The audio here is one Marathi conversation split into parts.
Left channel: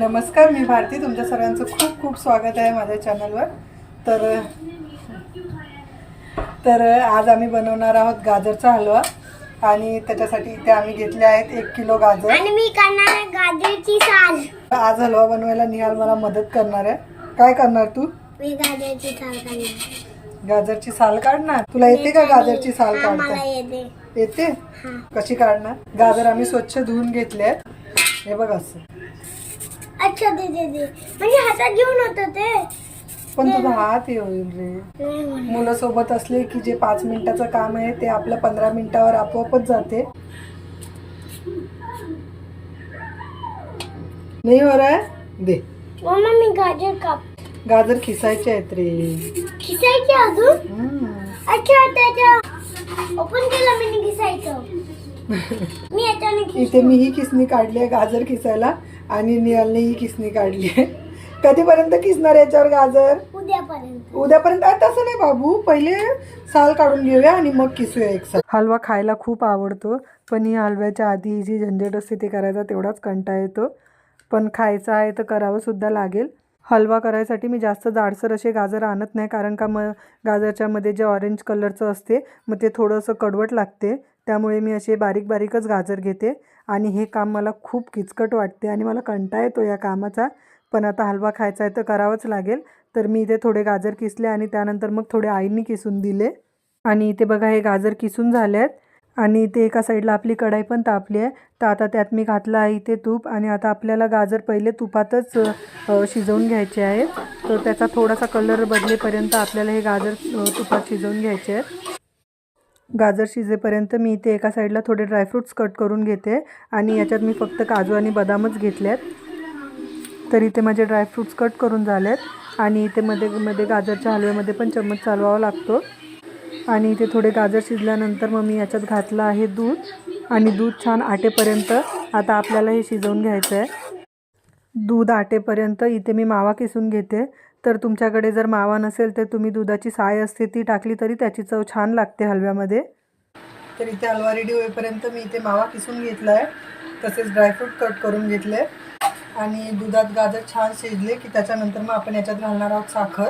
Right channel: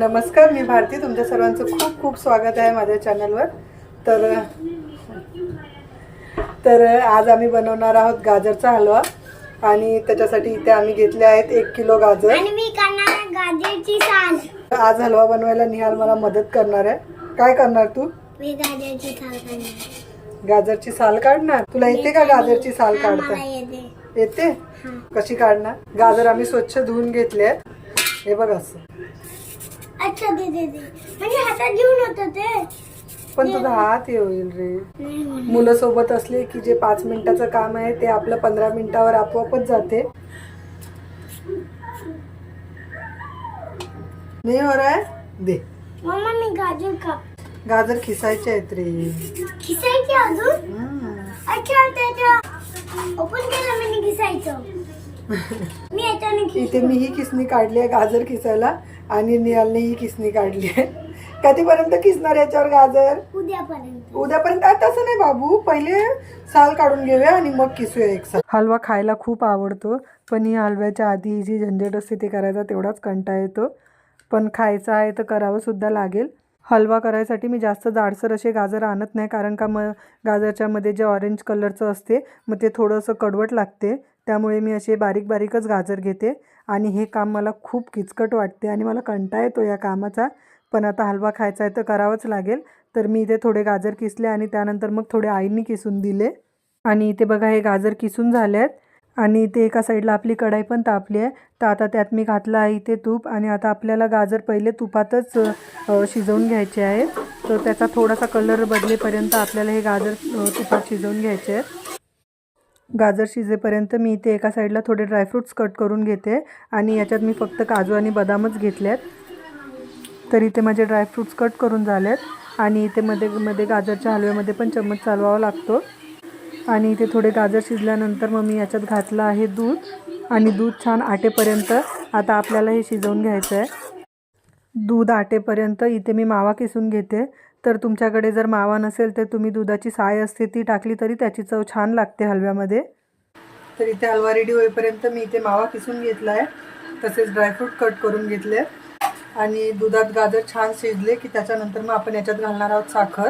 नमस्कार, मी भारती. तुमच्या सर्वांचं खूप खूप स्वागत आहे माझ्या चॅनलवर. तर आज आम्ही बनवणार आहोत गाजरचा हलवा आणि त्याच्यासाठी इथे आम्ही घेतले आहेत 1 किलो गाजर आणि मी करणार आहे गाजरची साल. आज हलवा बनवायला निहाल मला मदत करणार आहे. काय करणार तू? मी गाजरची साल करणार. गाजरची साल काढणार? तुला येते का गाजरची साल मला काढता? येते. येते? कशी काढणार? गाजर आम्ही स्वच्छ धुवून घेतले आहेत. हे बघ असं. अच्छा दे म्हणजे हातात घेऊन होतं ते. पण तुझा हात येईल रे. मुलं सोबत असले की जे 5 मिनिटाचं काम आहे ते आपलं 15 मिनिटावर आपोआपच जाते. नाही हो रहा है? दे. मम्मा मी गाजर काप. गाजर खिसायचे आहेत रे. खिसायचे अजून? अच्छा त्याच्या ओपन केला मी खिसायचं. मी याच्याने इथे मी ही किसणी काढली आहे गाजर खिसायला आणि निहालने ही किसणी काढली आहे. कधीपर्यंत किसणार याच्यावर गाजर? उद्यापर्यंत. उद्यापर्यंत? तसं नाही बाबू, पहिले साल काढून घेऊया आणि मग किसूया एकसाथ. हलवा खायला खूप आवडतो, पण ही हलव्याच्या आधी जी झंझट असते ते करायचा तेवढाच कंटाळा येतो. पण खायचा आहे तर करावं सुद्धा लागेल. हलवा करायसाठी मी जास्त जाडसर असे गाजर आणत नाही, कारण का मग गाजरच्या मध्ये जे ऑरेंज कलरचं असते मग ते थोडंसं कडवट लागते. त्यामुळे मी असे बारीक बारीकच गाजर घेते आणि हे काम मला खूप किचकट वाटते आणि मला कंटाळा येतो या कामाचा. पण आता हलवा खायचा आहे तर करावंच लागेल. तर मी इथे थोडे गाजर किसले आणि त्यानंतर मग थोडे आईंनी किसून दिले. आणि इथे बघा हे गाजर किसून झाले आहेत आणि इथे एका साईडला आपली कढाई पण तापली आहे. तर आता त्यात मी घातलं आहे इथे तूप आणि आता आपल्याला गाजर पहिले तुपातच शिजवून घ्यायचे आहेत. तर त्याचा थोडासा कलर बदलेपर्यंत आपल्याला हे गाजर तुपात शिजवून घ्यायचे आहेत. गाजर शिजेपर्यंत मी इथे एका साईडला थोडे ड्रायफ्रूट्स कट करून घेते आणि याच्यात मी फक्त काजू आणि बदामच घेतले आहेत. तर इथे माझे ड्रायफ्रूट्स कट करून झाले आहेत आणि इथे मध्ये गाजरच्या हलव्यामध्ये पण चम्मच चालवावा लागतो. आणि इथे थोडे गाजर शिजल्यानंतर मग मी याच्यात घातलं आहे दूध आणि दूध छान आटेपर्यंत आता आपल्याला हे शिजवून घ्यायचं आहे. दूध आटेपर्यंत इथे मी मावा किसून घेते. तर तुमच्याकडे जर मावा नसेल तर तुम्ही दुधाची साय असते ती टाकली तरी त्याची चव छान लागते हलव्यामध्ये. तर इथे हलवा रेडी होईपर्यंत मी इथे मावा किसून घेतला आहे, तसेच ड्रायफ्रूट कट करून घेतले आणि दुधात गाजर छान शिजले की त्याच्यानंतर मग आपण याच्यात घालणार आहोत साखर.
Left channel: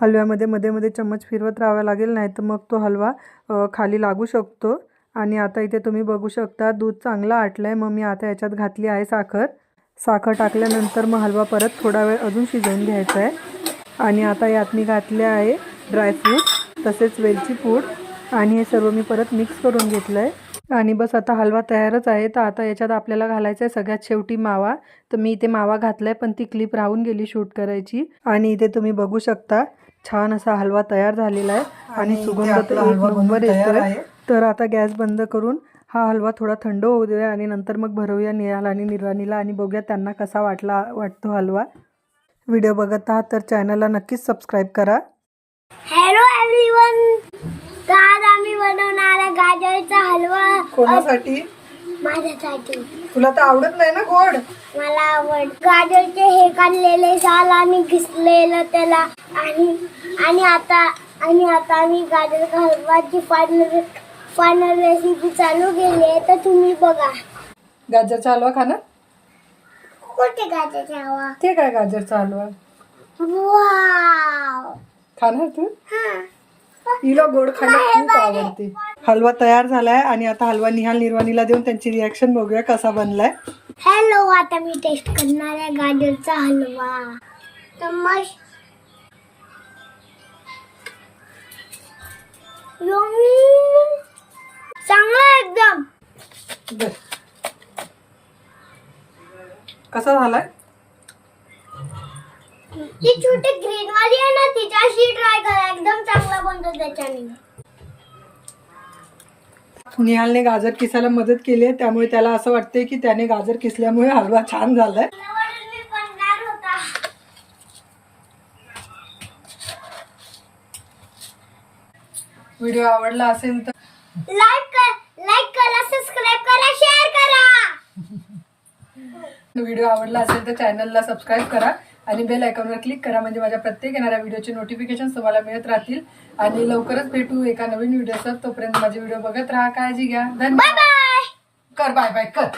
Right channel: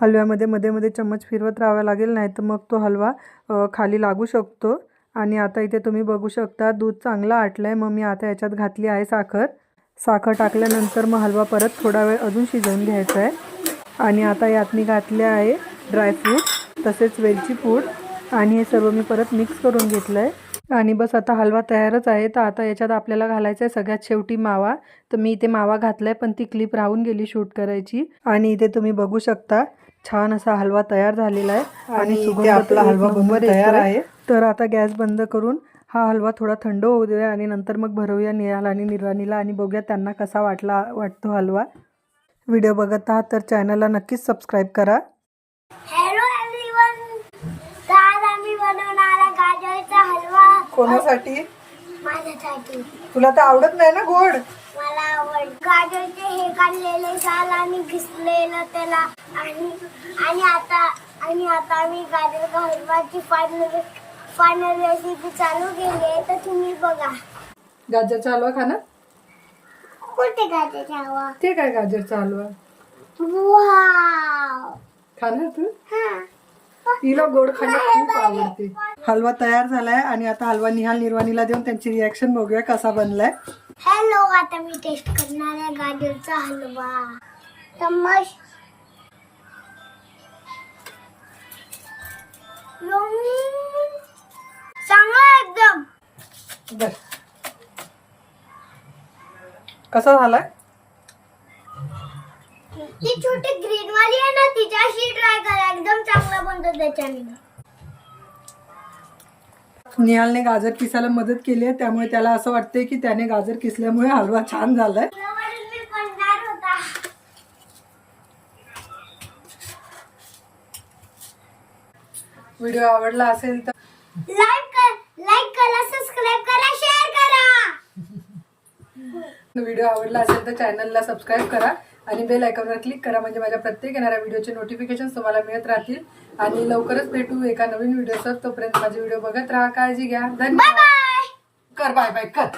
हलव्यामध्ये मध्ये मध्ये चम्मच फिरवत राहावा लागेल, नाही तर मग तो हलवा खाली लागू शकतो. आणि आता इथे तुम्ही बघू शकता दूध चांगलं आटलं आहे. मग मी आता याच्यात घातली आहे साखर. साखर टाकल्यानंतर मग हलवा परत थोडा वेळ अजून शिजवून घ्यायचा आहे. आणि आता यात मी घातले आहे ड्रायफ्रूट तसेच वेलची पूड आणि हे सर्व मी परत मिक्स करून घेतलं आहे. आणि बस आता हलवा तयारच आहे. तर आता याच्यात आपल्याला घालायचं आहे सगळ्यात शेवटी मावा. तर मी इथे मावा घातला आहे पण ती क्लिप राहून गेली शूट करायची. आणि इथे तुम्ही बघू शकता छान असा हलवा तयार झालेला आहे आणि सुगंध तर एक नंबर येतोय. तर आता गॅस बंद करून हा हलवा थोडा थंड होऊ देऊया आणि नंतर मग भरवूया निहाल आणि निर्वाणीला आणि बघूया त्यांना कसा वाटतो हलवा. व्हिडिओ बघत आहात तर चॅनलला नक्कीच सबस्क्राईब करा. Hello everyone. तर आज आम्ही बनवणार आहे गाजरचा हलवा. कोणासाठी? माझ्यासाठी. तुला तर आवडत नाही ना गोड? मला आवड. गाजरचे हे काढलेले साल आणि किसलेलं त्याला आणि आता आम्ही गाजर हलवाची फायनल रेसिपी चालू केली आहे. तर तुम्ही बघा. गाजरचा हलवा खाणार? कुठे गाजरचा हलवा? ते काय गाजरचा हलवा वाव. खाणार तू? हां. हिला गोड खायला खूप आवडते. हलवा तयार झालाय आणि आता हलवा निहाल निर्वाणीला देऊन त्यांची रिॲक्शन बघूया कसा बनलाय. हॅलो, आता मी टेस्ट करणार आहे गाजरचा हलवा. तमाश चांगला एकदम. बर, कसा झालाय? ती छोटी ग्रीन वाली आहे ना तिच्याशी ट्राय करा, एकदम चांगला बनतो त्याच्याने. निहालने गाजर किसायला मदत केली आहे त्यामुळे त्याला असं वाटतंय की त्याने गाजर किसल्यामुळे हलवा छान झालाय. व्हिडिओ आवडला असेल तर लाईक करा, सबस्क्राइब करा, शेअर करा. व्हिडिओ आवडला असेल तर चॅनलला सबस्क्राईब करा आणि बेल आयकॉनवर क्लिक करा, म्हणजे माझ्या प्रत्येक येणाऱ्या व्हिडिओचे नोटिफिकेशन तुम्हाला मिळत राहतील. आणि लवकरच भेटू एका नवीन व्हिडिओसोबत. तोपर्यंत माझे व्हिडिओ बघत राहा. काळजी घ्या. धन्यवाद. Bye bye. कर बाय बाय कर.